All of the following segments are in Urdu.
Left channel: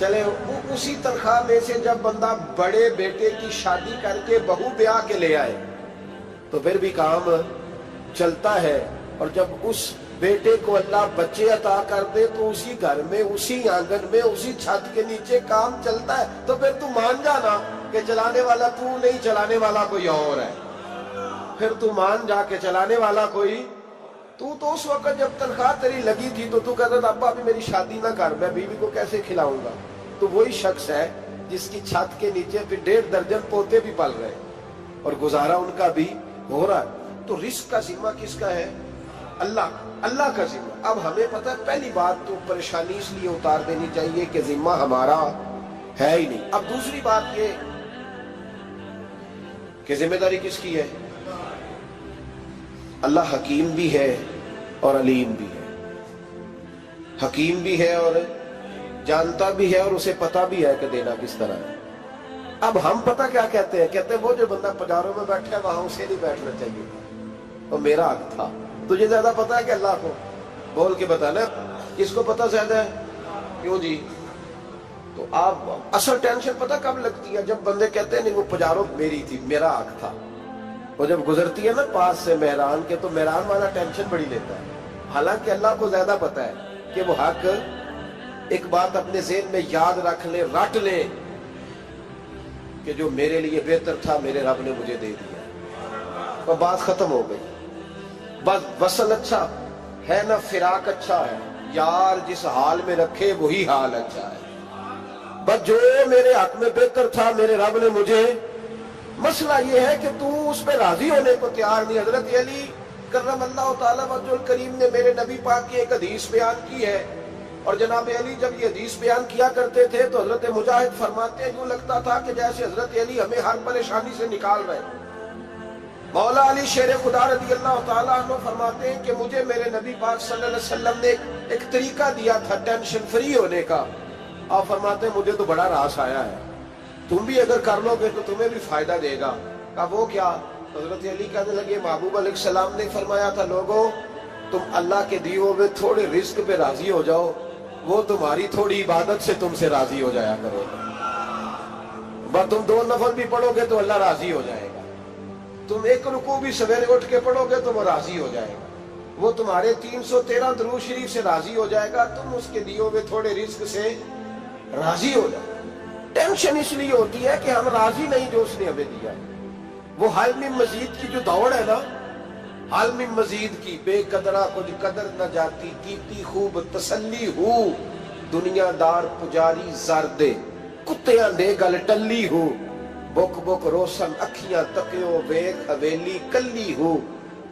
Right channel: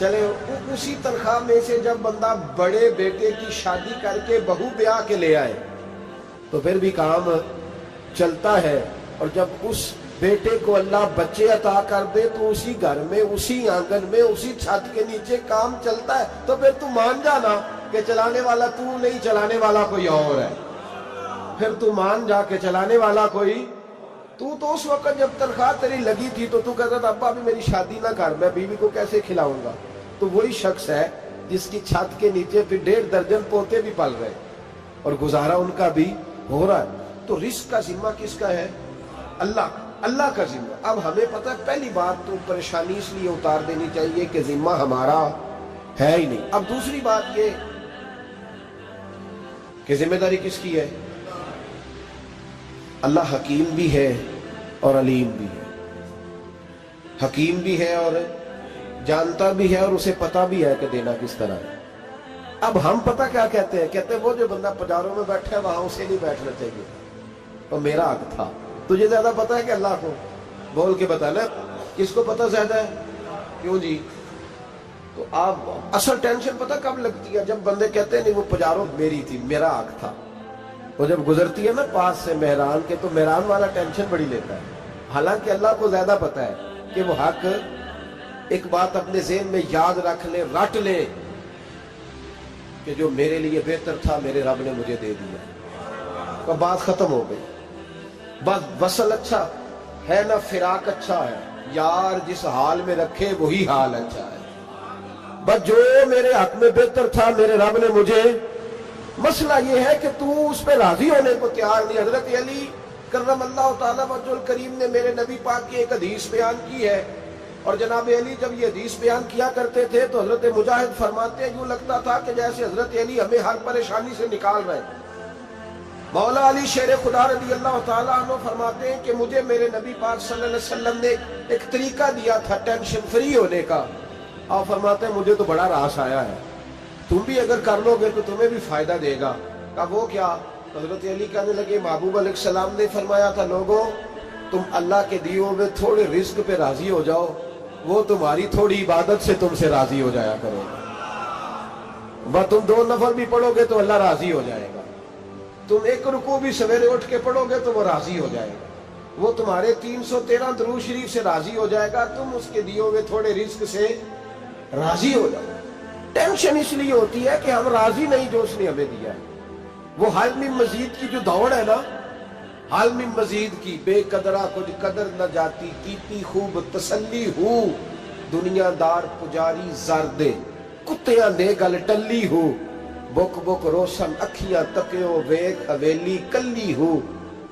چلے اسی تنخواہ میں سے جب بندہ بڑے بیٹے کی شادی کر کے بہو بیاہ کے لے آئے تو پھر بھی کام چلتا ہے، اور جب اس بیٹے کو اللہ بچے عطا کر دے تو اسی گھر میں، اسی آنگن میں، اسی چھت کے نیچے کام چلتا ہے۔ تو پھر تو مان جانا کہ چلانے والا تو نہیں، چلانے والا کوئی اور ہے۔ پھر تو مان جا کے چلانے والا کوئی تو اس وقت جب تنخواہ تیری لگی تھی تو کہتا تھا ابا ابھی میری شادی نہ کر، میں بیوی کو کیسے کھلاؤں گا؟ تو وہی شخص ہے جس کی چھت کے نیچے پھر 1.5 درجن پوتے بھی پل رہے اور گزارا ان کا بھی ہو رہا ہے۔ تو رزق کا ذمہ کس کا ہے؟ اللہ کا ذمہ۔ اب ہمیں پتہ ہے، پہلی بات تو پریشانی اس لیے اتار دینی چاہیے کہ ذمہ ہمارا ہے ہی نہیں۔ اب دوسری بات یہ کہ ذمہ داری کس کی ہے؟ اللہ حکیم بھی ہے اور علیم بھی ہے، حکیم بھی ہے اور جانتا بھی ہے، اور اسے پتا بھی ہے کہ دینا کس طرح ہے۔ اب ہم پتہ کیا کہتے ہیں؟ کہتے ہیں وہ جو بندہ پجاروں میں بیٹھا ہے وہاں اسے نہیں بیٹھنا چاہیے تھا، اور میرا حق تھا۔ تجھے زیادہ پتا ہے کہ اللہ کو؟ بول کے بتانا کس کو پتہ زیادہ ہے؟ کیوں جی؟ تو آپ اصل ٹینشن پتہ کب لگتی ہے؟ جب بندے کہتے ہیں نہیں وہ پجاروں میری تھی، میرا حق تھا۔ وہ جب گزرتی ہے نا پاس سے مہران کے تو مہران والا ٹینشن بڑی لیتا ہے، حالانکہ اللہ کو زیادہ پتا ہے کہ وہ حق۔ ایک بات اپنے ذہن میں یاد رکھ لیں، رٹ لیں کہ جو میرے لیے بہتر تھا میرے رب نے مجھے دے دیا، اور بات ختم ہو گئی۔ بس وصل اچھا ہے نہ فراق اچھا ہے، یار جس حال میں رکھے وہی حال اچھا ہے۔ بس جو میرے حق میں بہتر تھا میرے رب نے مجھے، مسئلہ یہ ہے کہ تو اس پہ راضی ہونے کو تیار نہیں۔ حضرت علی کرم اللہ تعالیٰ وجہ الکریم نے میرے نبی پاک کی ایک حدیث بیان کی ہے، اور جناب علی جب یہ حدیث بیان کیا کرتے تھے تو حضرت مجاہد فرماتے ہیں یوں لگتا تھا کہ جیسے حضرت علی ہمیں ہر پریشانی سے نکال رہے ہیں۔ مولا علی شیر خدا رضی اللہ تعالیٰ عنہ فرماتے ہیں کہ مجھے میرے نبی پاک صلی اللہ علیہ وسلم نے ایک طریقہ دیا تھا ٹینشن فری ہونے کا۔ آپ فرماتے ہیں مجھے تو بڑا راس آیا ہے، تم بھی اگر کر لو گے تو تمہیں بھی فائدہ دے گا۔ کہا وہ کیا؟ حضرت علی کہنے لگے محبوب علیہ السلام نے فرمایا تھا لوگوں تم اللہ کے دیے ہوئے تھوڑے رزق پہ راضی ہو جاؤ، وہ تمہاری تھوڑی عبادت سے تم سے راضی ہو جایا کرے گا۔ بس تم 2 نفل بھی پڑھو گے تو اللہ راضی ہو جائے گا، تم 1 رکوع بھی سویرے اٹھ کے پڑھو گے تو وہ راضی ہو جائے گا، وہ تمہارے 313 درود شریف سے راضی ہو جائے گا، تم اس کے دیے ہوئے تھوڑے رزق سے راضی ہو جاؤ۔ ٹینشن اس لیے ہوتی ہے کہ ہم راضی نہیں جو اس نے ہمیں دیا ہے۔ وہ حل میں مزید کی جو دوڑ ہے نا، حل میں مزید کی، بے قدرہ کچھ قدر نہ جاتی، کیتی خوب تسلی ہو، دنیا دار پجاری زردے، کتیاں دے گل ٹلی ہو، بک بک روشن اکھیاں تکیو ویک حویلی کلی ہو،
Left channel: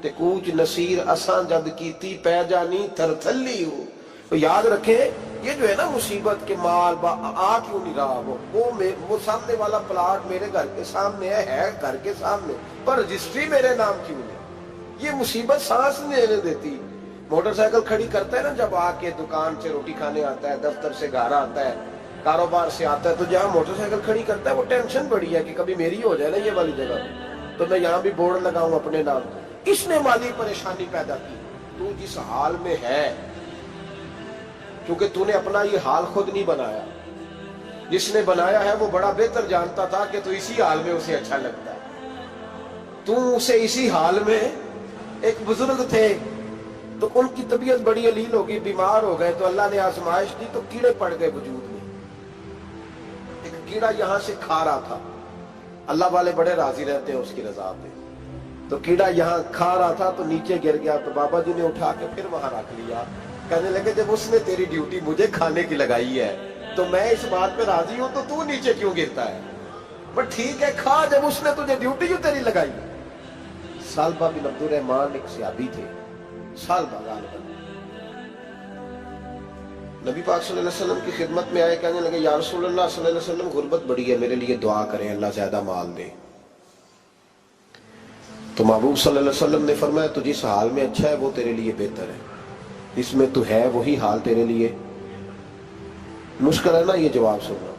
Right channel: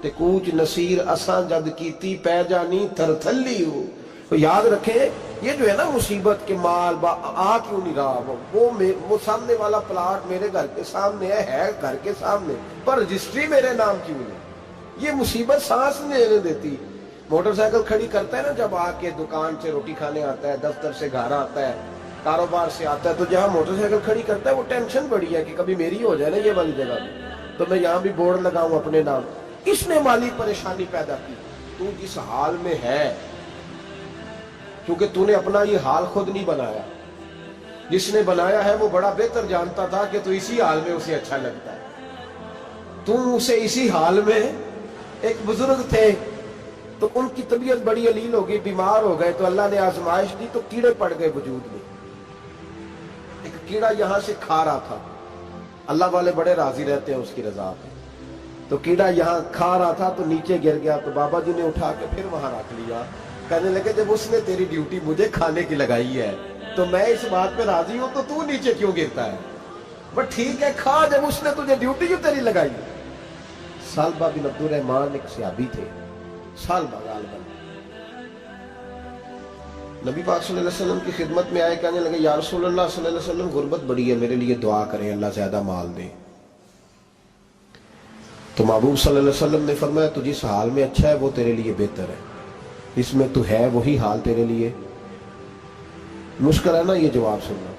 تے کوچ نصیر اساں جد کیتی پہ جانی تھر تھلی ہو۔ تو یاد رکھیں یہ جو ہے نا مصیبت کے مال آ کیوں نہیں رہا، وہ سامنے والا پلاٹ میرے گھر کے سامنے ہے گھر کے سامنے، پر رجسٹری میرے نام کیوں نہیں؟ یہ مصیبت سانس نہیں لینے دیتی۔ موٹر سائیکل کھڑی کرتا ہے نا جب آ کے دکان سے روٹی کھانے آتا ہے، دفتر سے گھر آتا ہے، کاروبار سے آتا ہے، تو جہاں موٹر سائیکل کھڑی کرتا ہے وہ ٹینشن بڑی ہے کہ کبھی میری ہو جائے نا یہ والی جگہ تو میں یہاں بھی بورڈ لگاؤں اپنے نام۔ اس نے مالی پریشانی پیدا کی۔ تو جس حال میں ہے، کیونکہ تو نے اپنا یہ حال خود نہیں بنایا، جس نے بنایا ہے وہ بڑا بہتر جانتا تھا کہ تو اسی حال میں اسے اچھا لگتا ہے۔ تو اسے اسی حال میں، ایک بزرگ تھے تو ان کی طبیعت بڑی علیل ہو گئی، بیمار ہو گئے، تو اللہ نے آزمائش دی تو کیڑے پڑ گئے وجود میں۔ ایک کیڑا یہاں سے کھا رہا تھا، اللہ والے بڑے راضی رہتے ہیں اس کی رضا پہ، تو کیڑا یہاں کھا رہا تھا تو نیچے گر گیا، تو بابا جی نے اٹھا کے پھر وہاں رکھ لیا، کہنے لگے جب اس نے تیری ڈیوٹی مجھے کھانے کی لگائی ہے تو میں اس بات پہ راضی ہوں، تو نیچے کیوں گرتا ہے؟ بٹ ٹھیک ہے کھا، جب اس نے تجھے ڈیوٹی جو تیری لگائی۔ سالبہ بن عبد الرحمن ایک صحابی تھے، سالبہ غالباً، نبی پاک صلی اللہ علیہ وسلم کی خدمت میں آئے، کہنے لگے یا رسول اللہ صلی اللہ علیہ وسلم غربت بڑی ہے، میرے لیے دعا کریں اللہ زیادہ مال دے۔ تو محبوب صلی اللہ علیہ وسلم نے فرمایا تو جس حال میں اچھا ہے وہ تیرے لیے بہتر ہے، اس میں تو ہے وہی حال تیرے لیے۔ مشکل ہے نا یہ جواب سننا۔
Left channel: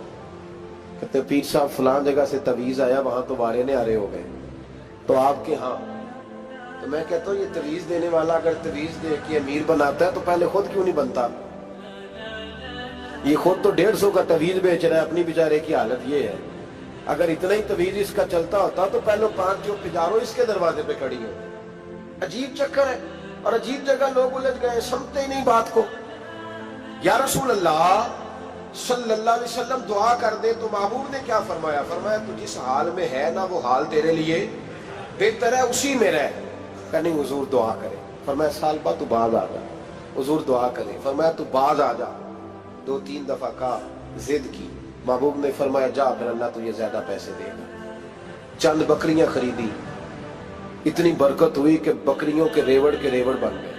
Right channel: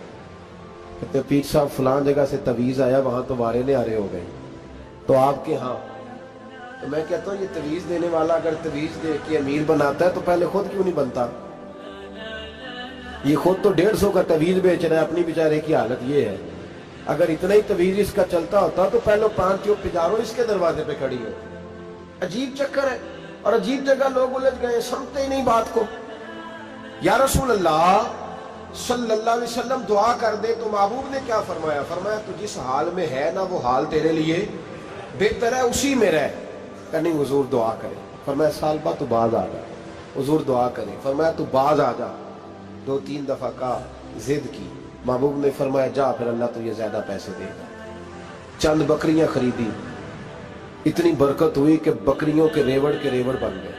کہتے پیر صاحب فلان جگہ سے تویز آیا، وہاں تو وارے نے آرے ہو گئے، تو آپ کے ہاں؟ تو میں کہتا ہوں یہ تویز دینے والا اگر تویز دے کے امیر بناتا ہے تو پہلے خود کیوں نہیں بنتا؟ یہ خود تو 150 کا تویز بیچ رہا ہے، اپنی بیچارے کی حالت یہ ہے۔ اگر اتنا ہی تویز اس کا چلتا ہوتا تو پہلے 5 جو پجاروں اس کے دروازے پہ کھڑی ہو۔ عجیب چکر ہے اور عجیب جگہ لوگ الجھ گئے، سمجھتے ہی نہیں بات کو۔ یا رسول اللہ صلی اللہ علیہ وسلم دعا کر دے تو محبوب نے کیا فرمایا؟ فرمایا تو جس حال میں ہے نا وہ حال تیرے لیے بہتر ہے، اسی میں رہ۔ کہ نہیں حضور دعا کرے۔ فرمایا سال بعد تو باز آ جا۔ حضور دعا کرے۔ فرمایا تو باز آ جا۔ 2-3 دفعہ کا ضد کی، محبوب نے فرمایا جا پھر اللہ تجھے زیادہ پیسے دے گا۔ چند بکریاں خریدی، اتنی برکت ہوئی کہ بکریوں کے ریوڑ بن گئے۔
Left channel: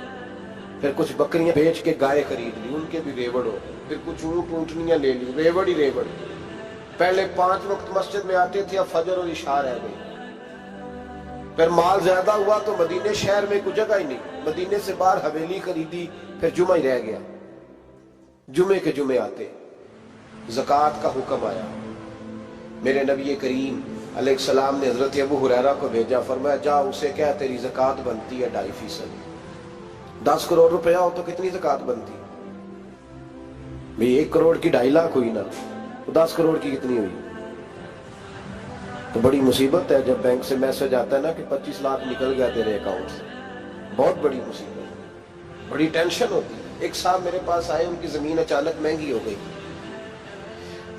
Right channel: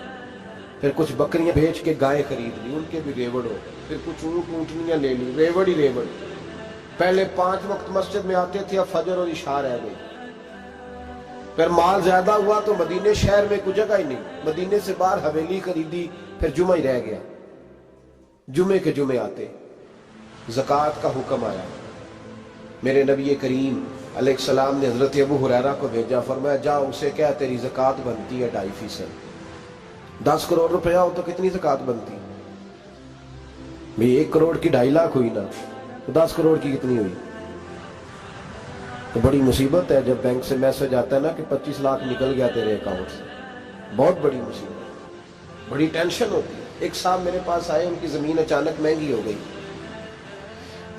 پھر کچھ بکریاں بیچ کے گائے خرید لی، ان کے بھی ریوڑ ہو گئے۔ پھر کچھ اونٹنیاں لے لی، ریوڑ ہی ریوڑ۔ پہلے 5 وقت مسجد میں آتے تھے، اب فجر اور عشاء رہ گئی۔ پھر مال زیادہ ہوا تو مدینے شہر میں کوئی جگہ ہی نہیں، مدینے سے باہر حویلی خریدی، پھر جمعہ ہی رہ گیا۔ جمعے کے جمعے آتے، زکوٰۃ کا حکم آیا۔ میرے نبی کریم علیہ السلام نے حضرت ابو ہریرہ کو بھیجا، فرمایا جا اسے کہہ تیری زکوٰۃ بنتی ہے 2.5%۔ 10 کروڑ روپیہ ہو تو کتنی زکوٰۃ بنتی؟ بھئی 1 کروڑ کی 2.5 لاکھ ہوئی نا، تو 10 کروڑ کی کتنی ہوئی؟ تو بڑی مصیبت ہے جب بینک سے میسج آتا ہے نا کہ 25 لاکھ نکل گیا تیرے اکاؤنٹ سے، بہت بڑی مصیبت، بڑی ٹینشن ہوتی ہے۔ ایک صاحب میرے پاس آئے، ان کی زمین اچانک مہنگی ہو گئی،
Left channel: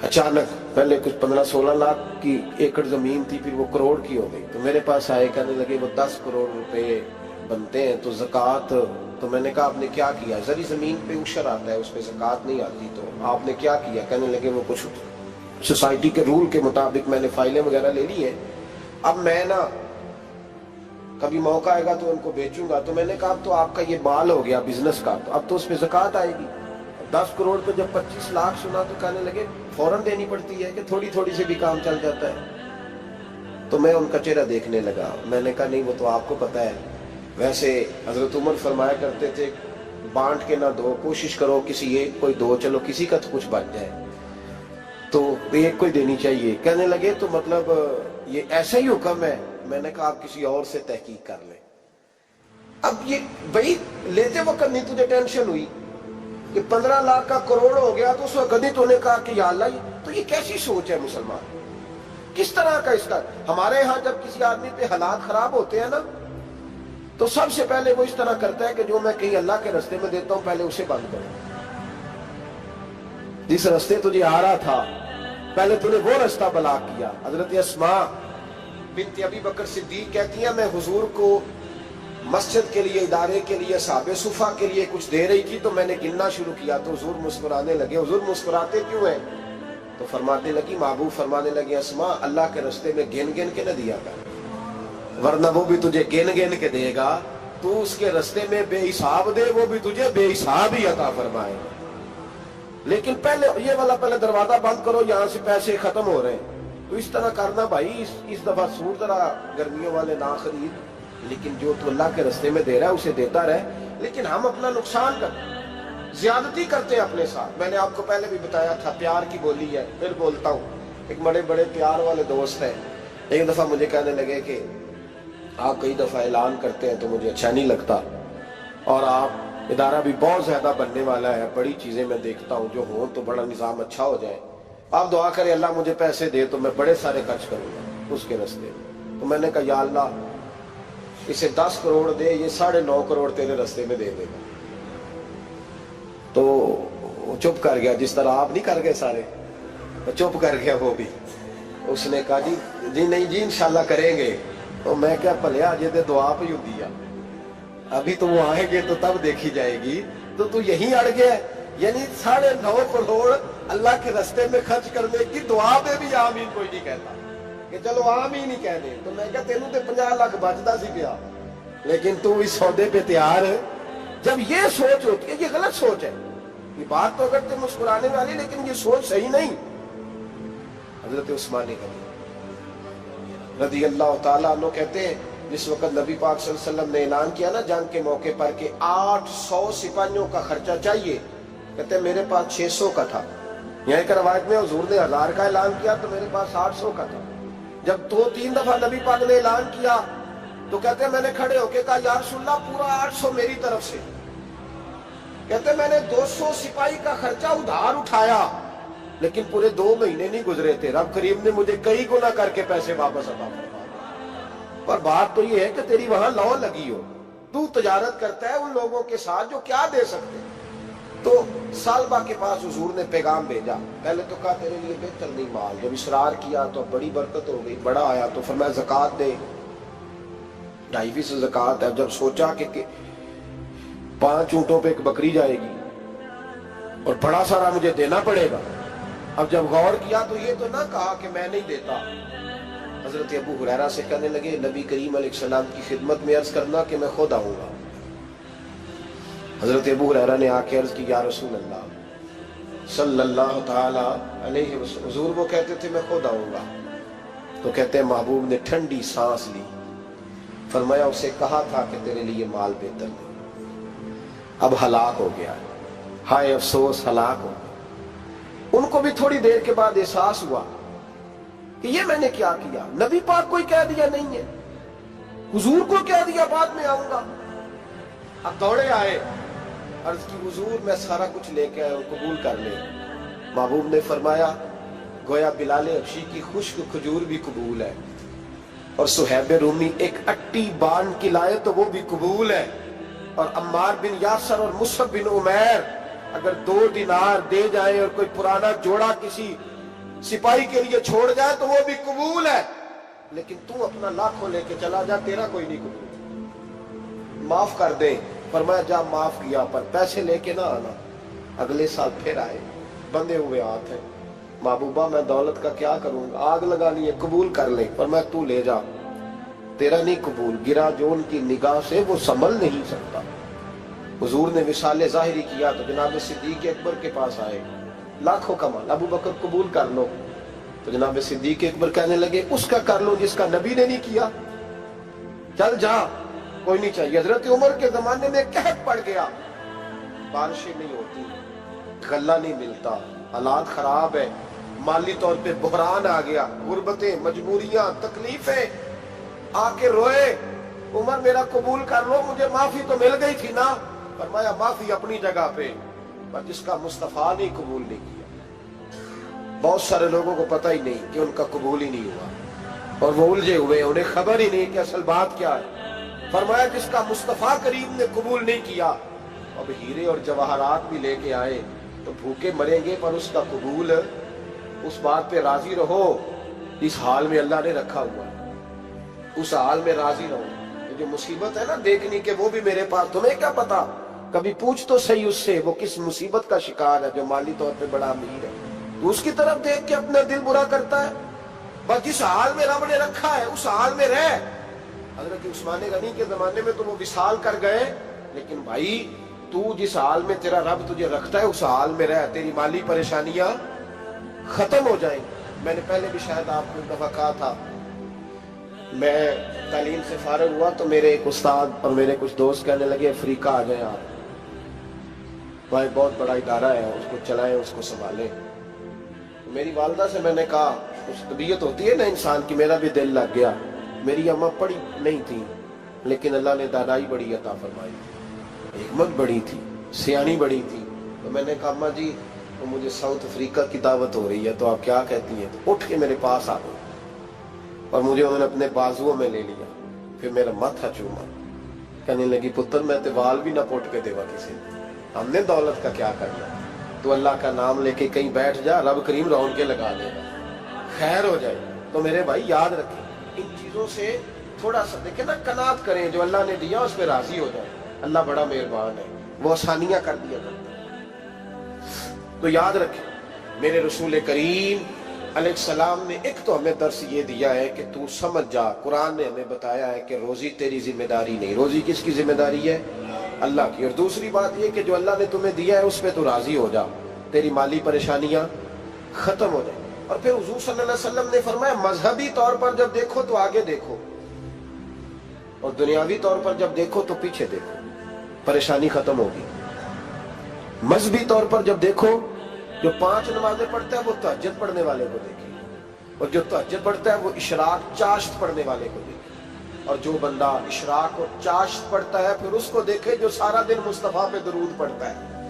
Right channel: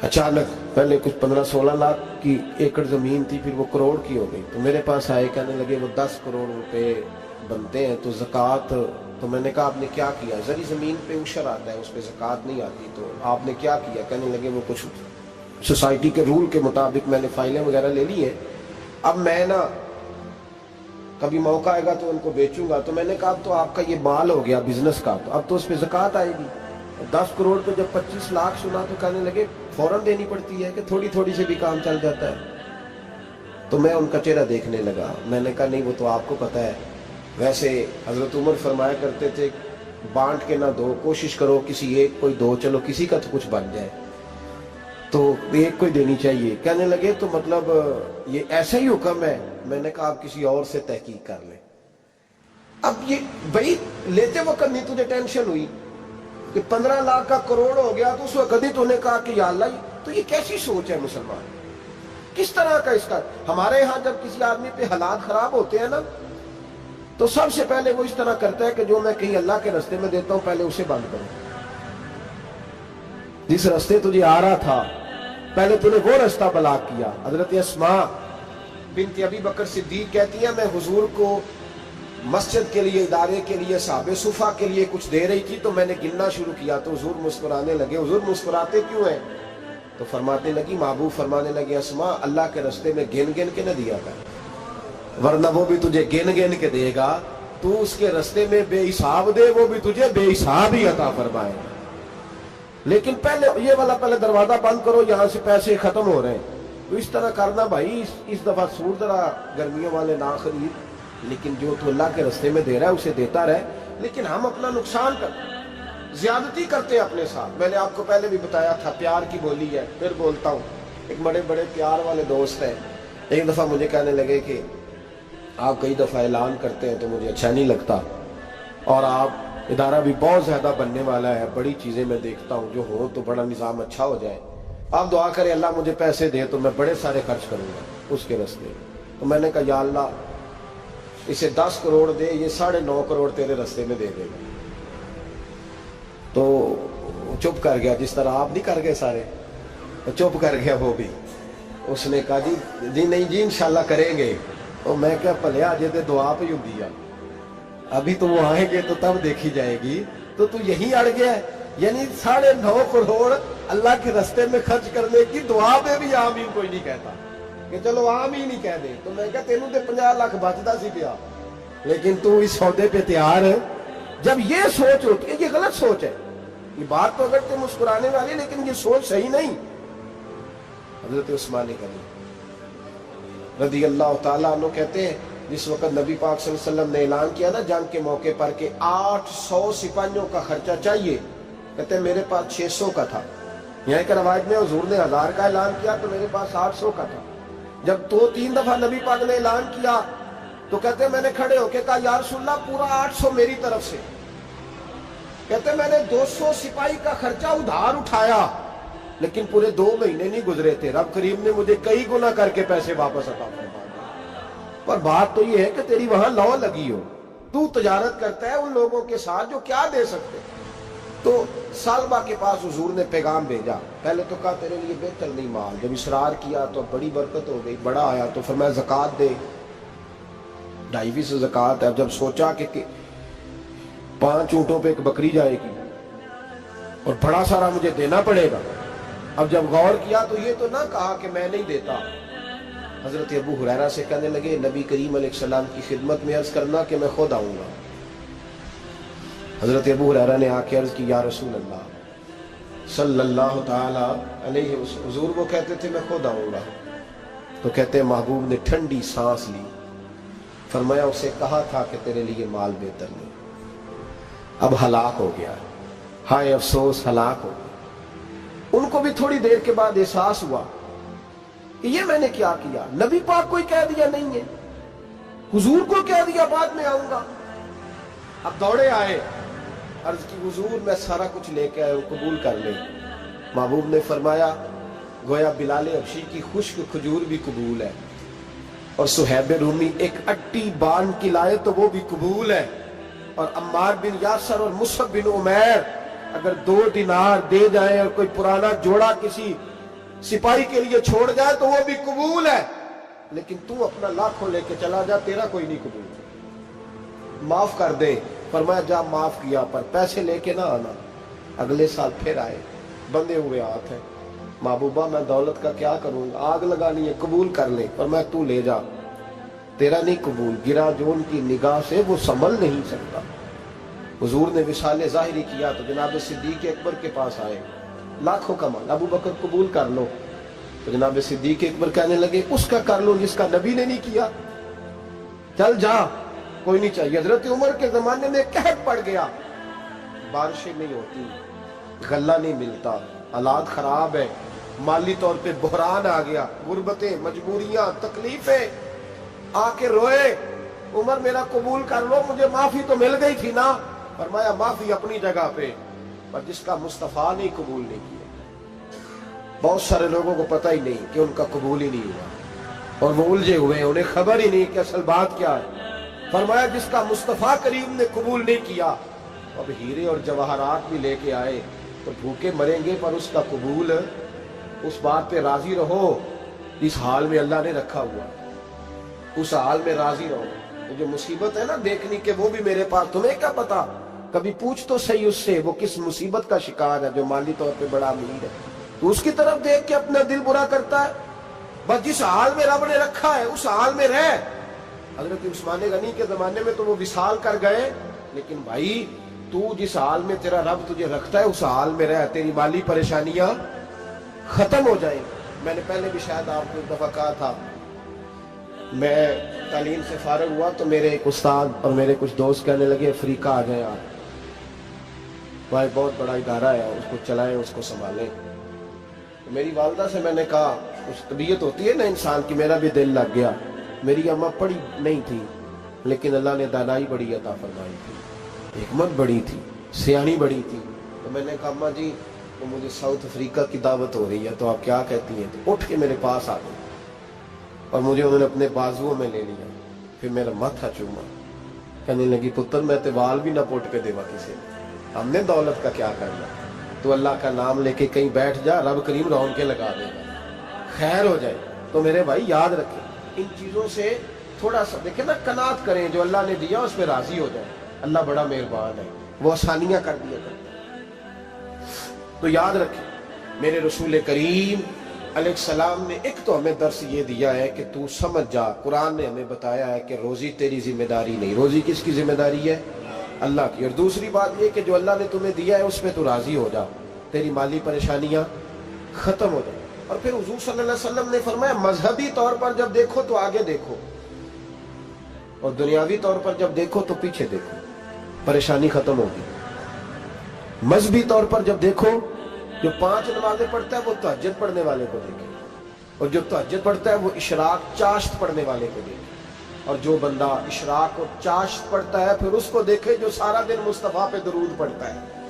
اچانک پہلے کچھ 15-16 لاکھ کی ایکڑ زمین تھی، پھر وہ کروڑ کی ہو گئی۔ تو میرے پاس آئے، کہنے لگے وہ 10 کروڑ روپے بنتے ہیں تو زکوٰۃ، تو میں نے کہا آپ نے کیا کیا؟ زری زمین پہ عشر آتا ہے، اس پہ زکوٰۃ نہیں آتی، تو آپ نے کیا کیا؟ کہنے لگے وہ کچھ سوسائٹی کے رول کے مطابق میں نے فائلیں وغیرہ لے لی ہیں، اب میں نا کبھی موقع آئے گا تو ان کو بیچوں گا۔ تو میں نے کہا اب تو آپ کا یہ مال ہو گیا بزنس کا، تو اب تو اس پہ زکوٰۃ آئے گی۔ 10 کروڑ پہ جب 25 لاکھ سنا تو کہنے لگے فوراً دینی پڑتی ہے کہ تھوڑی تھوڑی سے بھی کام چل جاتا ہے؟ تو میں ان کا چہرہ دیکھنے لگا، میں نے کہا نہیں وہ تو آپ کو پتہ ہے، ویسے حضرت عمر فرمایا کرتے تھے بانٹ کے نہ دو، کوشش کرو کسی ایک کوئی دو، چلو کسی کا تو کچھ بن جائے، تو ایک کوئی دینی چاہیے۔ کہنے لگے تو مطلب یہ ایسا ہی حکم ہے؟ میں نے کہا آپ کسی اور سے تحقیق کر لیں۔ اب یہ بھائی لیتے وقت نہیں تجھے ٹینشن ہوئی کہ 15 لاکھ کا کروڑ ہو گیا، تو اس وقت کبھی تو نے کہا کہ یا اللہ، تو یہ کیسی سوچ ہے مسلمان؟ کس طرح کا اس کا؟ ہمارے ہاں جب کسی آدمی پہ حالات خراب ہوتے ہیں نا تو سب سے پہلے وہ اس طرح کرتا ہے کہ جو میں کہیں اللہ کے رستے میں دیتا ہوں پہلے اسے بند کروں۔ جس رستے تجھے آ رہا تھا پہلے تو نے وہ رستہ بلاک کیا۔ حضرت اسماء بنت ابی بکر صدیق کہتی ہیں میں حضور کو مسجد کے لیے، ادارے کے لیے، صحابہ صفہ کے لیے کچھ دے رہی تھی، تو میں نے گننا شروع کیا تو حضور مسکرانے لگے۔ حضور مسکراتے کیوں ہیں؟ تو فرمانے لگی، محبوب فرمانے لگے اسماء اللہ کے رستے میں گن گن کے نہ دیا کر، ورنہ وہ بھی تجھے گن گن کے دے گا، تو اس کے رستے میں بے حساب دے، وہ بھی تجھے بے حساب ہی عطا فرمائے۔ لیکن پہلے یہ والا پہلے دروازہ بند کرو، یہاں سے پیسے ختم ہو رہے ہیں، تو اس طرح کرنا بھائی۔ اس دفعہ سوٹ ذرا گرمیوں والے نہ خرید، لیکن جو تو اللہ کے رستے میں دے رہا ہے اسے دیتا رہے۔ لیکن ہم اپنا نقصان کرتے ہیں، زیادتی کرتے ہیں اپنے ساتھ۔ میں نے آپ کو پہلے بھی بتایا تھا پیار کی بولی ہے، پھر بولتا ہوں۔ ایک بڑے بڑے پیار والے دوست ہیں، ایک دفعہ مجھے کہنے لگے کہ آپ کئی دفعہ اعلان کرتے ہیں تو مجھے اچھا نہیں لگتا، اور آپ ادارہ بھی بہت زیادہ بننے والا ہے، بڑی چیزیں میں دیکھتا ہوں جو ہوں تو بڑا نظام اچھا ہو جائے، آپ دعا کریں اللہ مجھے پیسے دے تو میں بڑے سارے خرچ کروں گا اس کے راستے میں۔ تو میں نے کہا یا اللہ اسے 10 کروڑ دے، یہ 9.5 کروڑ تیرے راستے میں دے دے گا۔ تو چپ کر گیا، جس طرح آپ نہیں کر گئے سارے، چپ کر گیا وہ بھی۔ اس نے کہا جی نہیں جی انشاءاللہ کریں گے۔ تو میں کیا پلیا جی دے دعا پہ ہوں دیا، ابھی تو وہ آئیں گے تو تب دیکھی جائے گی، تو یہیں اڑ گیا ہے۔ یعنی 9.5 کروڑ اللہ کے راستے میں خرچ کرنے کی دعا پہ بھی آمین کوئی نہیں کہتا کہ چلو آمین نہیں کہہ دیں۔ تو میں کہا تینوں تے 50 لاکھ بچتا سی پیا، لیکن تو اس سودے پہ تیار ہے۔ جب یہ سوچ ہوتی ہے، یہ غلط سوچ ہے، یہ بات تو اگر تو مسکرانے والی، لیکن یہ سوچ صحیح نہیں۔ حضرت عثمان غنی رضی اللہ تعالیٰ عنہ کہتے ہیں جس وقت نبی پاک صلی اللہ علیہ وسلم نے اعلان کیا نا جنگ کے موقع پر کہ 800 سپاہیوں کا خرچہ چاہیے، کہتے ہیں میرے پاس 600 کا تھا۔ یہاں ایک روایت میں حضور نے 1000 کا اعلان کیا تو میرے پاس 800 کا تھا۔ جب 2-3 دفعہ نبی پاک نے اعلان کیا تو کہتے ہیں میں نے کھڑے ہو کے کہا یا رسول اللہ پورا 800 میری طرف سے۔ کہتے میں نے 200 سپاہی کا خرچہ ادھار اٹھایا لیکن پورے 2 مہینے نہیں گزرے تھے، رب کریم نے مجھے کئی گنا کر کے پیسے واپس عطا فرما دیے۔ پر بات تو یہ ہے کہ تیری وہاں لو لگی ہو، تو تجارت کرتا ہے ان لوگوں کے ساتھ جو کیا دے سکتے۔ تو سالبہ کے پاس حضور نے پیغام بھیجا، پہلے تو کہا تیرے لیے بہتر نہیں مال، جب اصرار کیا تو بڑی برکت ہو گئی، بڑا آیا تو فرمایا زکوٰۃ دے، 2.5 زکوٰۃ ہے۔ اب جب سوچا کہ 5 اونٹوں پہ ایک بکری جائے گی اور بڑا سارا مجھے دینا پڑے گا، اب جب غور کیا تو یہ تو نہ کہا کہ میں نہیں دیتا۔ حضرت ابو ہریرہ سے کہنے لگے نبی کریم علیہ السلام کی خدمت میں عرض کرنا کہ میں خود آؤں گا۔ حضرت ابو ہریرہ نے آ کے عرض کی یا رسول اللہ صلی اللہ تعالی علیہ وسلم، حضور وہ کہتے تھے میں خود آؤں گا، تو کہتے ہیں محبوب نے ٹھنڈی سانس لی، فرمایا اسے کہا تھا کہ تیرے لیے مال بہتر نہیں، اب ہلاک ہو گیا، ہائے افسوس ہلاک ہو گیا۔ ان کو بھی تھوڑی دیر کے بعد احساس ہوا کہ یہ میں نے کیا کیا، نبی پاک کو ہی کہہ دیا نہیں ہے، حضور کو کہہ دیا بعد میں آؤں گا۔ اب دوڑے آئے، عرض کی حضور میں سارا کچھ لے کے آئے ہوں، قبول کر لیں۔ محبوب نے فرمایا گویا بلال حبشی کی خشک کھجور بھی قبول ہے، اور صہیب رومی ایک اٹی بان کی لائے تو وہ بھی قبول ہے، اور عمار بن یاسر اور مصعب بن عمیر اگر 2 دینار دے جائیں اور کوئی پرانا جوڑا کسی سپاہی کے لیے چھوڑ جائے تو وہ بھی قبول ہے، لیکن تو اپنا لاکھوں لے کے چلا جا، تیرا کوئی نہیں قبول، معاف کر دیں۔ فرمایا جا معاف کیا، پر پیسے لے کے نہ آنا۔ اگلے سال پھر آئے، بندے ہوئے ہاتھ ہیں، محبوبہ میں دولت کا کیا کروں گا، آگ لگانی ہے، قبول کر لیں۔ فرمایا تو لے جا، تیرا نہیں قبول، گرا جو ان کی نگاہ سے وہ سنبھل نہیں سکتا۔ حضور نے وصال ظاہری کیا تو جناب صدیق اکبر کے پاس آئے، لاکھوں کا مال، ابو بکر قبول کر لو، تو جناب صدیق اکبر کہنے لگے اس کا کر لو جس کا نبی نے نہیں کیا، چل جا کوئی نہیں چاہیے۔ حضرت عمر کے زمانے میں قحط پڑ گیا، بارشیں نہیں ہوتی، غلہ نہیں ملتا، حالات خراب ہے، مالی طور پہ بحران آ گیا، غربتیں، مجبوریاں، تکلیفیں، آ کے روئے، عمر میرا قبول کر لو، مجھے معافی تو مل گئی تھی نا۔ فرمایا معافی اپنی جگہ پہ، پر جس کا مصطفیٰ نے قبول نہیں کیا۔ بہت سارے لوگوں کو پتہ ہی نہیں کہ ان کا قبول ہی نہیں ہوا، اور وہ الجھے ہوئے، انہیں خبر ہی نہیں کہ اصل بات کیا ہے۔ فرمایا جس کا مصطفیٰ کریم نے قبول نہیں کیا، اب ہیرے اور جواہرات بھی لے کے آئے تو بھوکے مریں گے، پر اس کا قبول، اس بات پہ راضی رہو اس حال میں اللہ نے رکھا ہوا، اس حال میں راضی رہو۔ یہ جو مصیبت ہے نا دیکھنی کہ وہ بھی میرے پاس، تمہیں کیا پتا، کبھی پوچھ تو صحیح اس سے وہ کس مصیبت کا شکار ہے، جو مالی طور پہ بڑا امیر ہے، تو اس کی طرف دیکھ کے اپنا دل برا کرتا ہے۔ بس جس حال میں رب نے رکھا ہے اس حال میں رہ۔ حضرت عثمان غنی کے زمانے میں تو وہ وصال کر گئے، لیکن بھائی تو جس حال میں تیرا رب تجھے رکھتا ہے اس حال میں رہ، تیری مالی پریشانیاں ختم ہو جائیں۔ میں نے پہلے بھی شاید آپ کو ایک دفعہ کہا تھا، میں تعلیم سے فارغ ہوا تو میرے ایک استاد اور میرے کچھ دوست کہنے لگے افریقہ آ جائیں آپ، بھائی بہت بڑا ادارہ ہے، اس کو چلائیں، اس کو سنبھالیں۔ میری والدہ سے میں نے کہا، اس طبیعت ہوتی ہے نا انسان کی، میرا بھی دل لگ گیا۔ میری اماں پڑھی نہیں تھی لیکن اللہ نے دانائی بڑی عطا فرمائی تھی، حکمت بڑی تھی، سیانی بڑی تھی۔ تو میں نے کہا اماں جی وہ مجھے ساؤتھ افریقہ کی دعوت ہو رہی ہے تو آپ کیا کہتی ہیں؟ تو اٹھ کے میرے پاس آ گئی اور مجھے انہوں نے اپنے بازوؤں میں لے لیا، پھر میرا ماتھا چوما، کہنے لگی پتر میں تے وال بھی نہ پوٹ کے دیوا کسی نے، ہم نے دولت کا کیا کرنا، تو اللہ کا نام لے کے کہیں بیٹھ جا، رب کریم رون کے لگا دے گا، خیر ہو جائے۔ تو میرے بھائی یاد رکھیں ان چیزوں سے تھوڑا سا دیکھیں نا، قناعت کریں، جو اللہ نے دیا اس پہ راضی ہو جائیں، اللہ بڑا مہربان ہے، وہ آسانیاں کر دیا کرتا ہے۔ تو یاد رکھیں میرے رسول کریم علیہ السلام نے ایک تو ہمیں درس یہ دیا ہے کہ تو سمجھ جا، قرآن نے ہمیں بتایا ہے کہ روزی تیری ذمہ داری نہیں، روزی کس کی ذمہ داری ہے؟ اللہ کی۔ اور دوسری بات یہ کہ جو اللہ نے تمہیں دیا ہے اس پہ تو راضی ہو جا، تیری مالی پریشانیاں ختم ہو جائیں۔ اور پھر حضور صلی اللہ علیہ وسلم نے فرمایا مذہبی طور پر جب دیکھو تو آگے دیکھو، اور دنیاوی طور پر جب دیکھو تو پیچھے دیکھو، پریشانی ختم ہوگی۔ مذہبی طور پر جب دیکھو، جو 5 نمازیں پڑھتا ہے وہ تہجد پڑھنے والے کو دیکھے، اور جو تہجد پڑھتا ہے وہ اشراق چاشت پڑھنے والے کو دیکھے، اور جو بندہ اشراق اور چاشت پڑھتا ہے پھر اس کو دیکھے جو سارا دن مصطفیٰ پہ درود پڑھتا ہے۔